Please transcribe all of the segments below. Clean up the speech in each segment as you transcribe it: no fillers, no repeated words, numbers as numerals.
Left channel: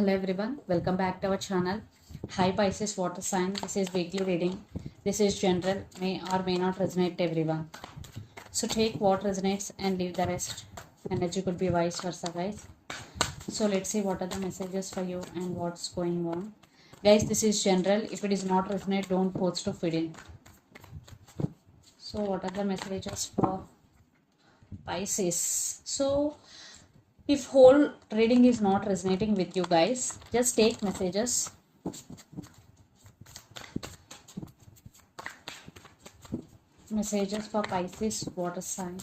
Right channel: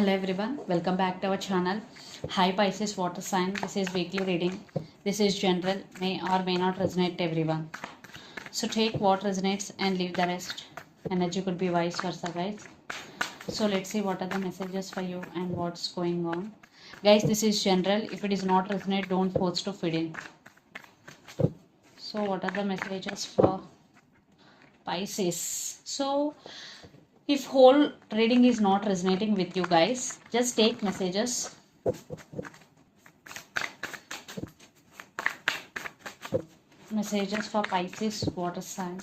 Hello everyone, welcome back to our channel. Hi Pisces water sign, this is weekly reading. This is general, may or may not resonate to everyone. So take what resonates and leave the rest. Energy could be vice versa, guys. So let's see what are the messages for you and what's going on. Guys, this is general. If it is not resonate, don't force to fit in. So what are the messages for Pisces? So if whole reading is not resonating with you guys, just take messages. Messages for Pisces water sign.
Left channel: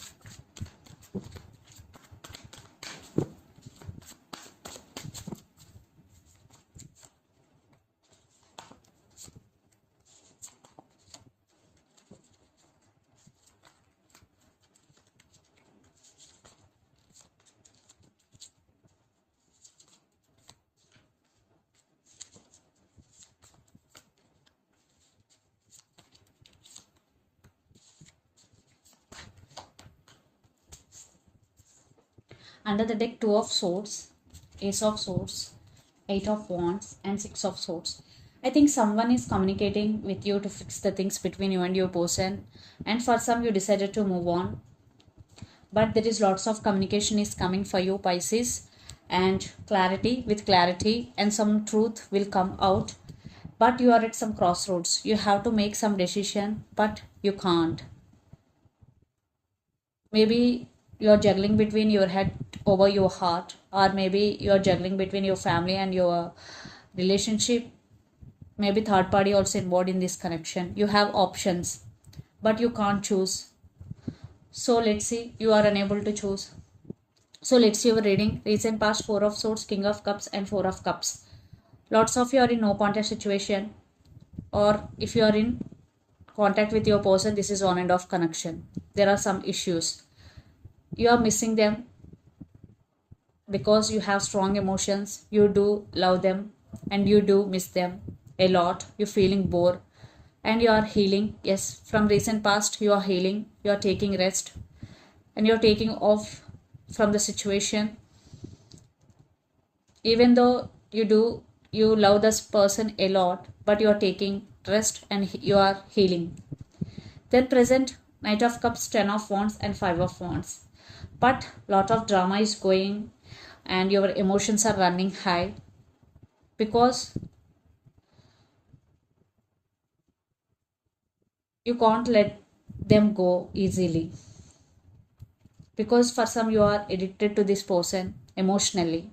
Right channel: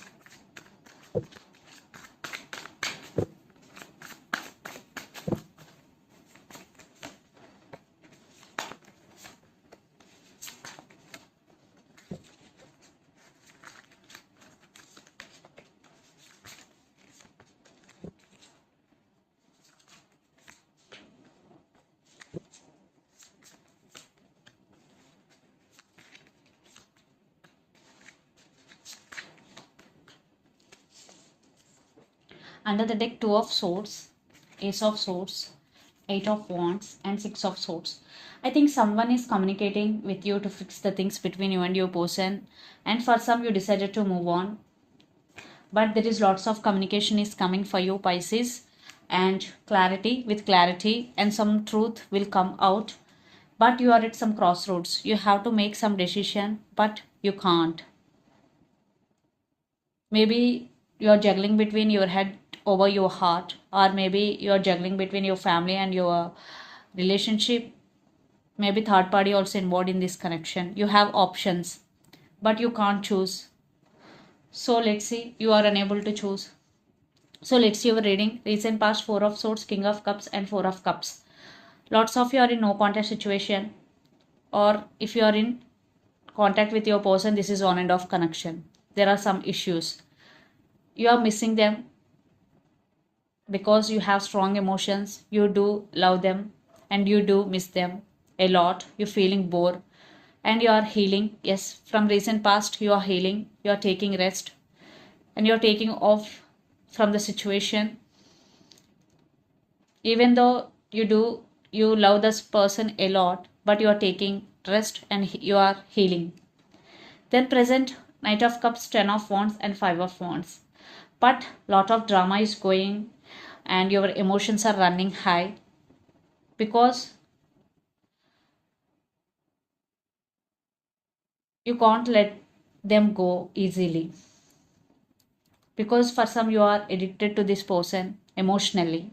Under the deck, 2 of swords, ace of swords, 8 of wands and 6 of swords. I think someone is communicating with you to fix the things between you and your person, and for some you decided to move on, but there is lots of communication is coming for you Pisces, and clarity and some truth will come out, but you are at some crossroads. You have to make some decision but you can't. Maybe you're juggling between your head over your heart, or maybe you're juggling between your family and your relationship. Maybe third party also involved in this connection. You have options but you can't choose. So let's see, you are unable to choose. So let's see your reading. Recent past, 4 of swords, king of cups and 4 of cups. Lots of you are in no contact situation, or if you are in contact with your person, this is on and off connection. There are some issues. You are missing them because you have strong emotions. You do love them and you do miss them a lot. You're feeling bored and you are healing. Yes, from recent past you are healing. You are taking rest and you are taking off from the situation. Even though you love this person a lot, but you are taking rest and you are healing. Then present, Knight of Cups, 10 of Wands and 5 of Wands. But lot of drama is going and your emotions are running high because you can't let them go easily. Because for some you are addicted to this person emotionally.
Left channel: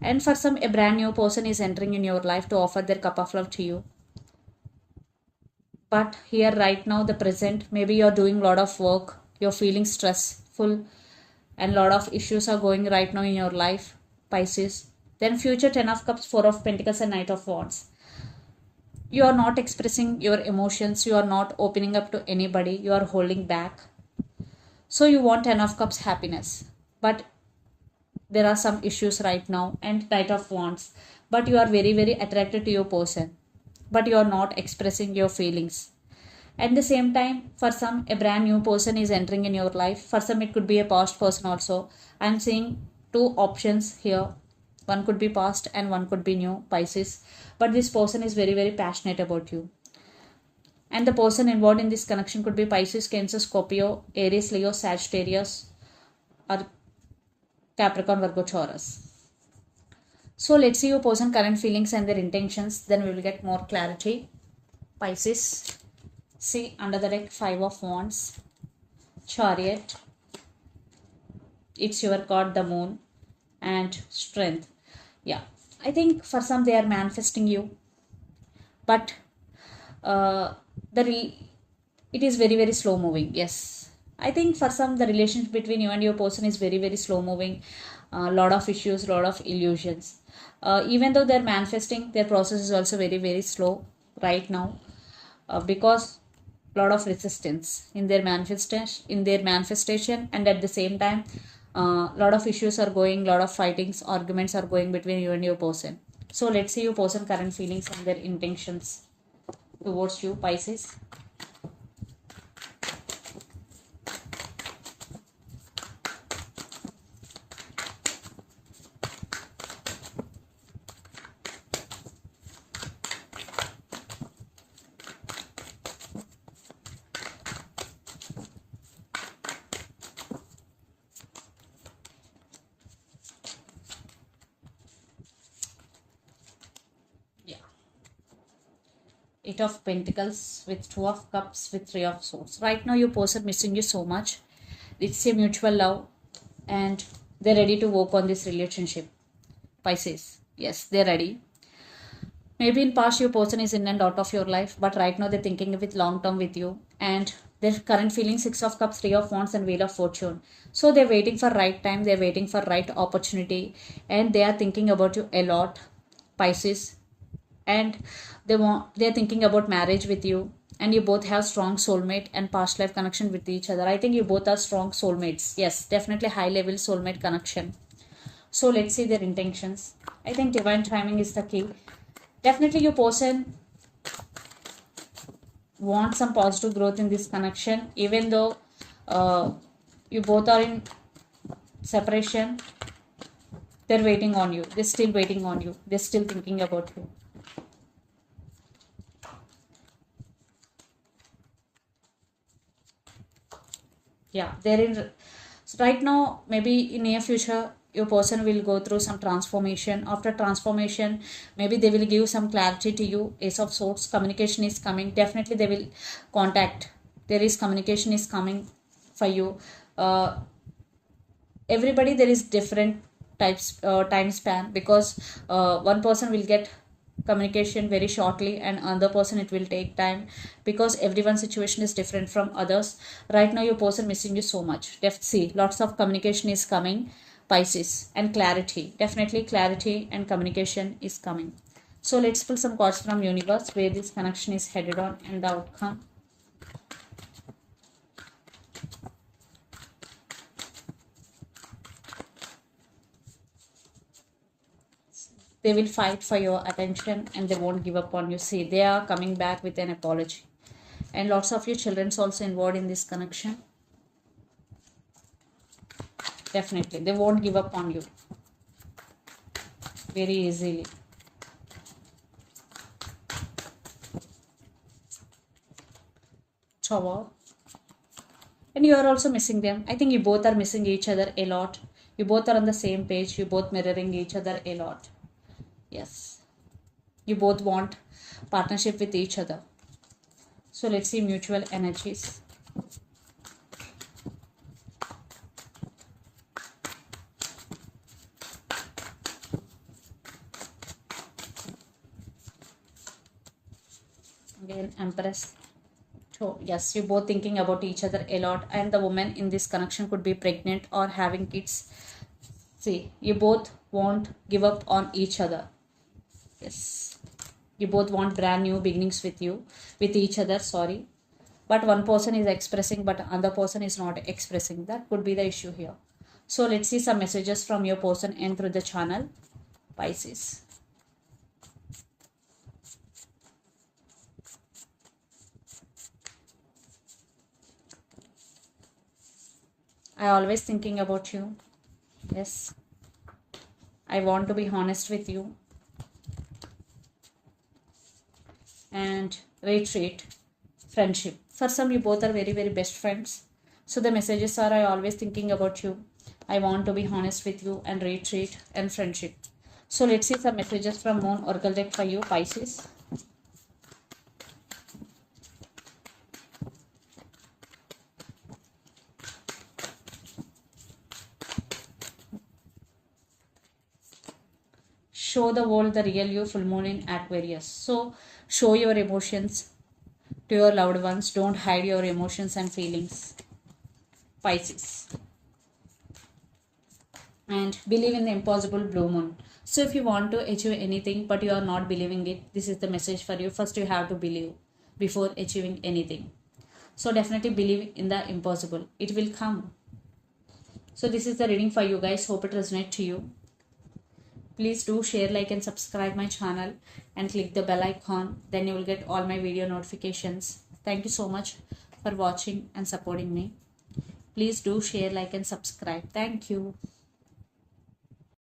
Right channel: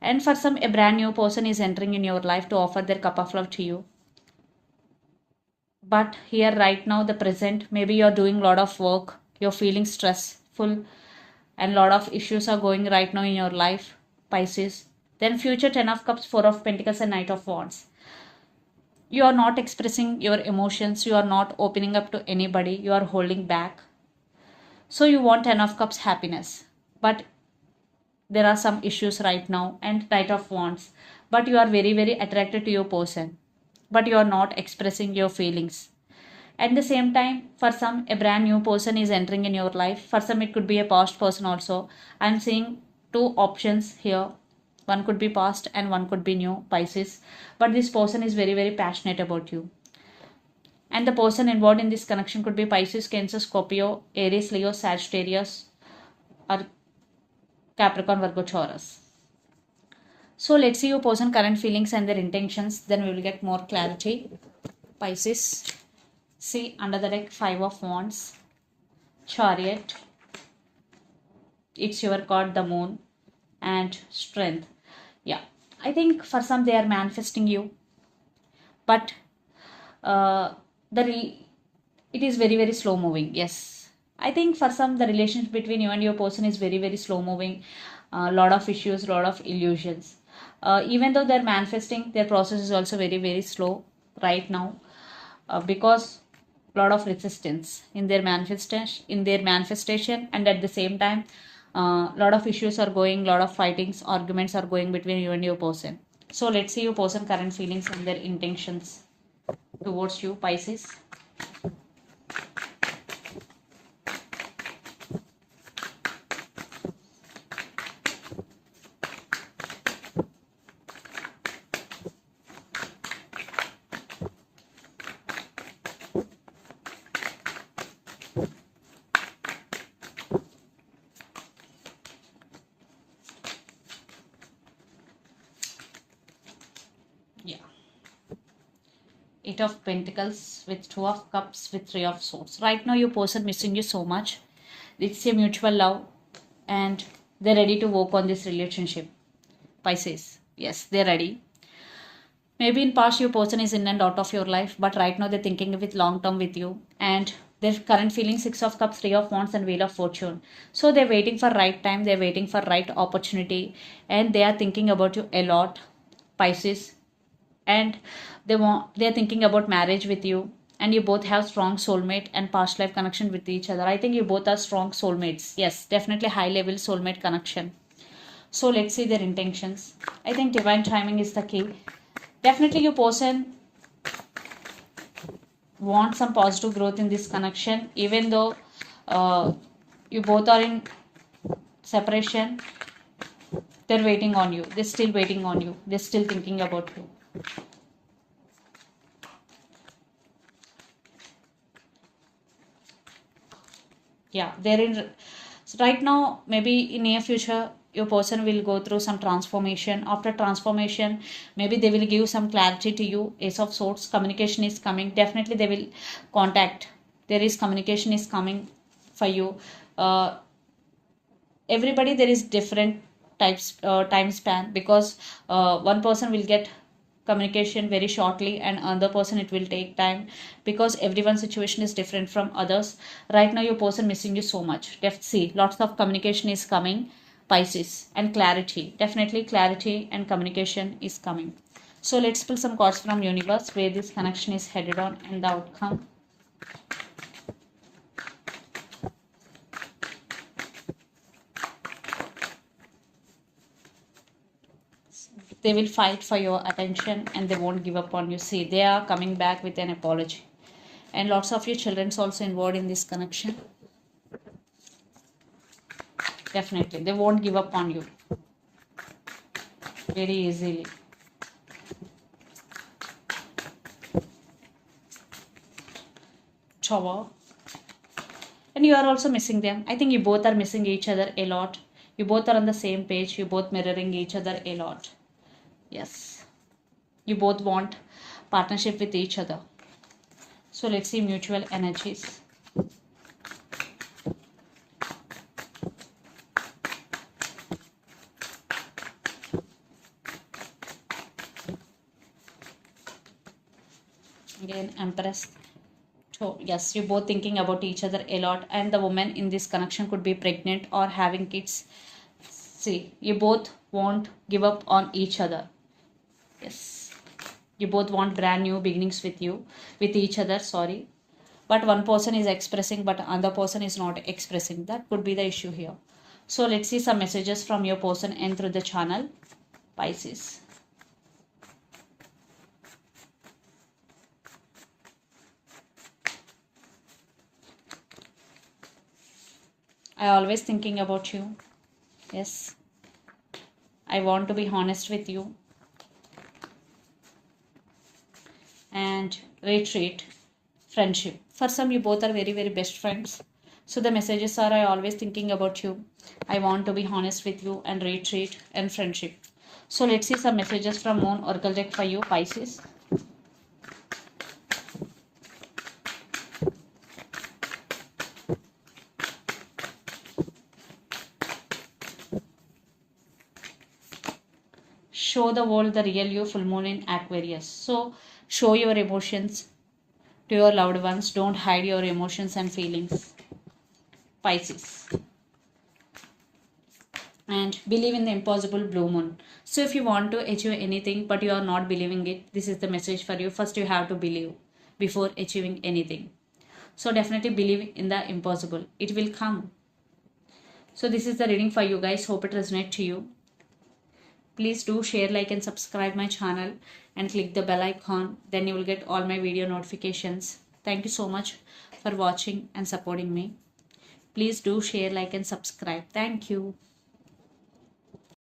And for some, a brand new person is entering in your life to offer their cup of love to you. But here right now, the present, maybe you're doing a lot of work, you're feeling stressful and a lot of issues are going right now in your life, Pisces. Then future, 10 of Cups, 4 of Pentacles and Knight of Wands. You are not expressing your emotions, you are not opening up to anybody, you are holding back. So you want 10 of Cups happiness, but there are some issues right now, and Knight of Wands. But you are very attracted to your person, but you are not expressing your feelings. At the same time, for some, a brand new person is entering in your life. For some, it could be a past person also. I'm seeing 2 options here. One could be past and one could be new, Pisces. But this person is very passionate about you. And the person involved in this connection could be Pisces, Cancer, Scorpio, Aries, Leo, Sagittarius, or Capricorn, Virgo, Taurus. So let's see your person current feelings and their intentions. Then we will get more clarity. Pisces. See under the deck, 5 of Wands, Chariot. It's your card, the Moon, and Strength. Yeah, I think for some they are manifesting you, but it is very slow moving. Yes, I think for some the relationship between you and your person is very slow moving. Lot of issues, lot of illusions. Even though they're manifesting, their process is also very slow right now, because lot of resistance in their manifestation, and at the same time lot of issues are going, lot of fightings, arguments are going between you and your person. So let's see your person current feelings and their intentions towards you, Pisces. Eight of Pentacles with Two of Cups with Three of Swords. Right now your person missing you so much. It's a mutual love and they're ready to work on this relationship. Pisces. Yes, they're ready. Maybe in past your person is in and out of your life, but right now they're thinking with long term with you, and their current feeling Six of Cups, Three of Wands, and Wheel of Fortune. So they're waiting for right time, they're waiting for right opportunity, and they are thinking about you a lot, Pisces. And they're thinking about marriage with you, and you both have strong soulmate and past life connection with each other. I think you both are strong soulmates. Yes, definitely high level soulmate connection. So let's see their intentions. I think divine timing is the key. Definitely your person wants some positive growth in this connection, even though you both are in separation. They're waiting on you. They're still waiting on you. They're still thinking about you. Yeah, they're in. So right now, maybe in near future, your person will go through some transformation. After transformation, maybe they will give some clarity to you. Ace of Swords, communication is coming. Definitely they will contact. There is communication is coming for you. Everybody there is different types time span, because one person will get communication very shortly and another person it will take time, because everyone's situation is different from others. Right now your person missing you so much. See, lots of communication is coming, Pisces, and clarity. Definitely clarity and communication is coming. So let's pull some cards from universe where this connection is headed on and the outcome. They will fight for your attention and they won't give up on you. See, they are coming back with an apology. And lots of your children's also involved in this connection. Definitely, they won't give up on you very easily. Tower. And you are also missing them. I think you both are missing each other a lot. You both are on the same page. You both mirroring each other a lot. Yes. You both want partnership with each other. So let's see mutual energies. Again, Empress. So yes, you're both thinking about each other a lot, and the woman in this connection could be pregnant or having kids. See, you both won't give up on each other. Yes, you both want brand new beginnings with each other, sorry. But one person is expressing but another person is not expressing. That could be the issue here. So let's see some messages from your person and through the channel, Pisces. I always thinking about you. Yes, I want to be honest with you. And retreat, friendship. For some, you both are very, very best friends. So the messages are, I always thinking about you. I want to be honest with you, and retreat and friendship. So let's see some messages from Moon Oracle deck for you, Pisces. Show the world the real you, full moon in Aquarius. So show your emotions to your loved ones. Don't hide your emotions and feelings, Pisces. And believe in the impossible, blue moon. So if you want to achieve anything but you are not believing it, this is the message for you. First you have to believe before achieving anything. So definitely believe in the impossible. It will come. So this is the reading for you guys. Hope it resonates to you. Please do share, like and subscribe my channel and click the bell icon. Then you will get all my video notifications. Thank you so much for watching and supporting me. Please do share, like and subscribe. Thank you.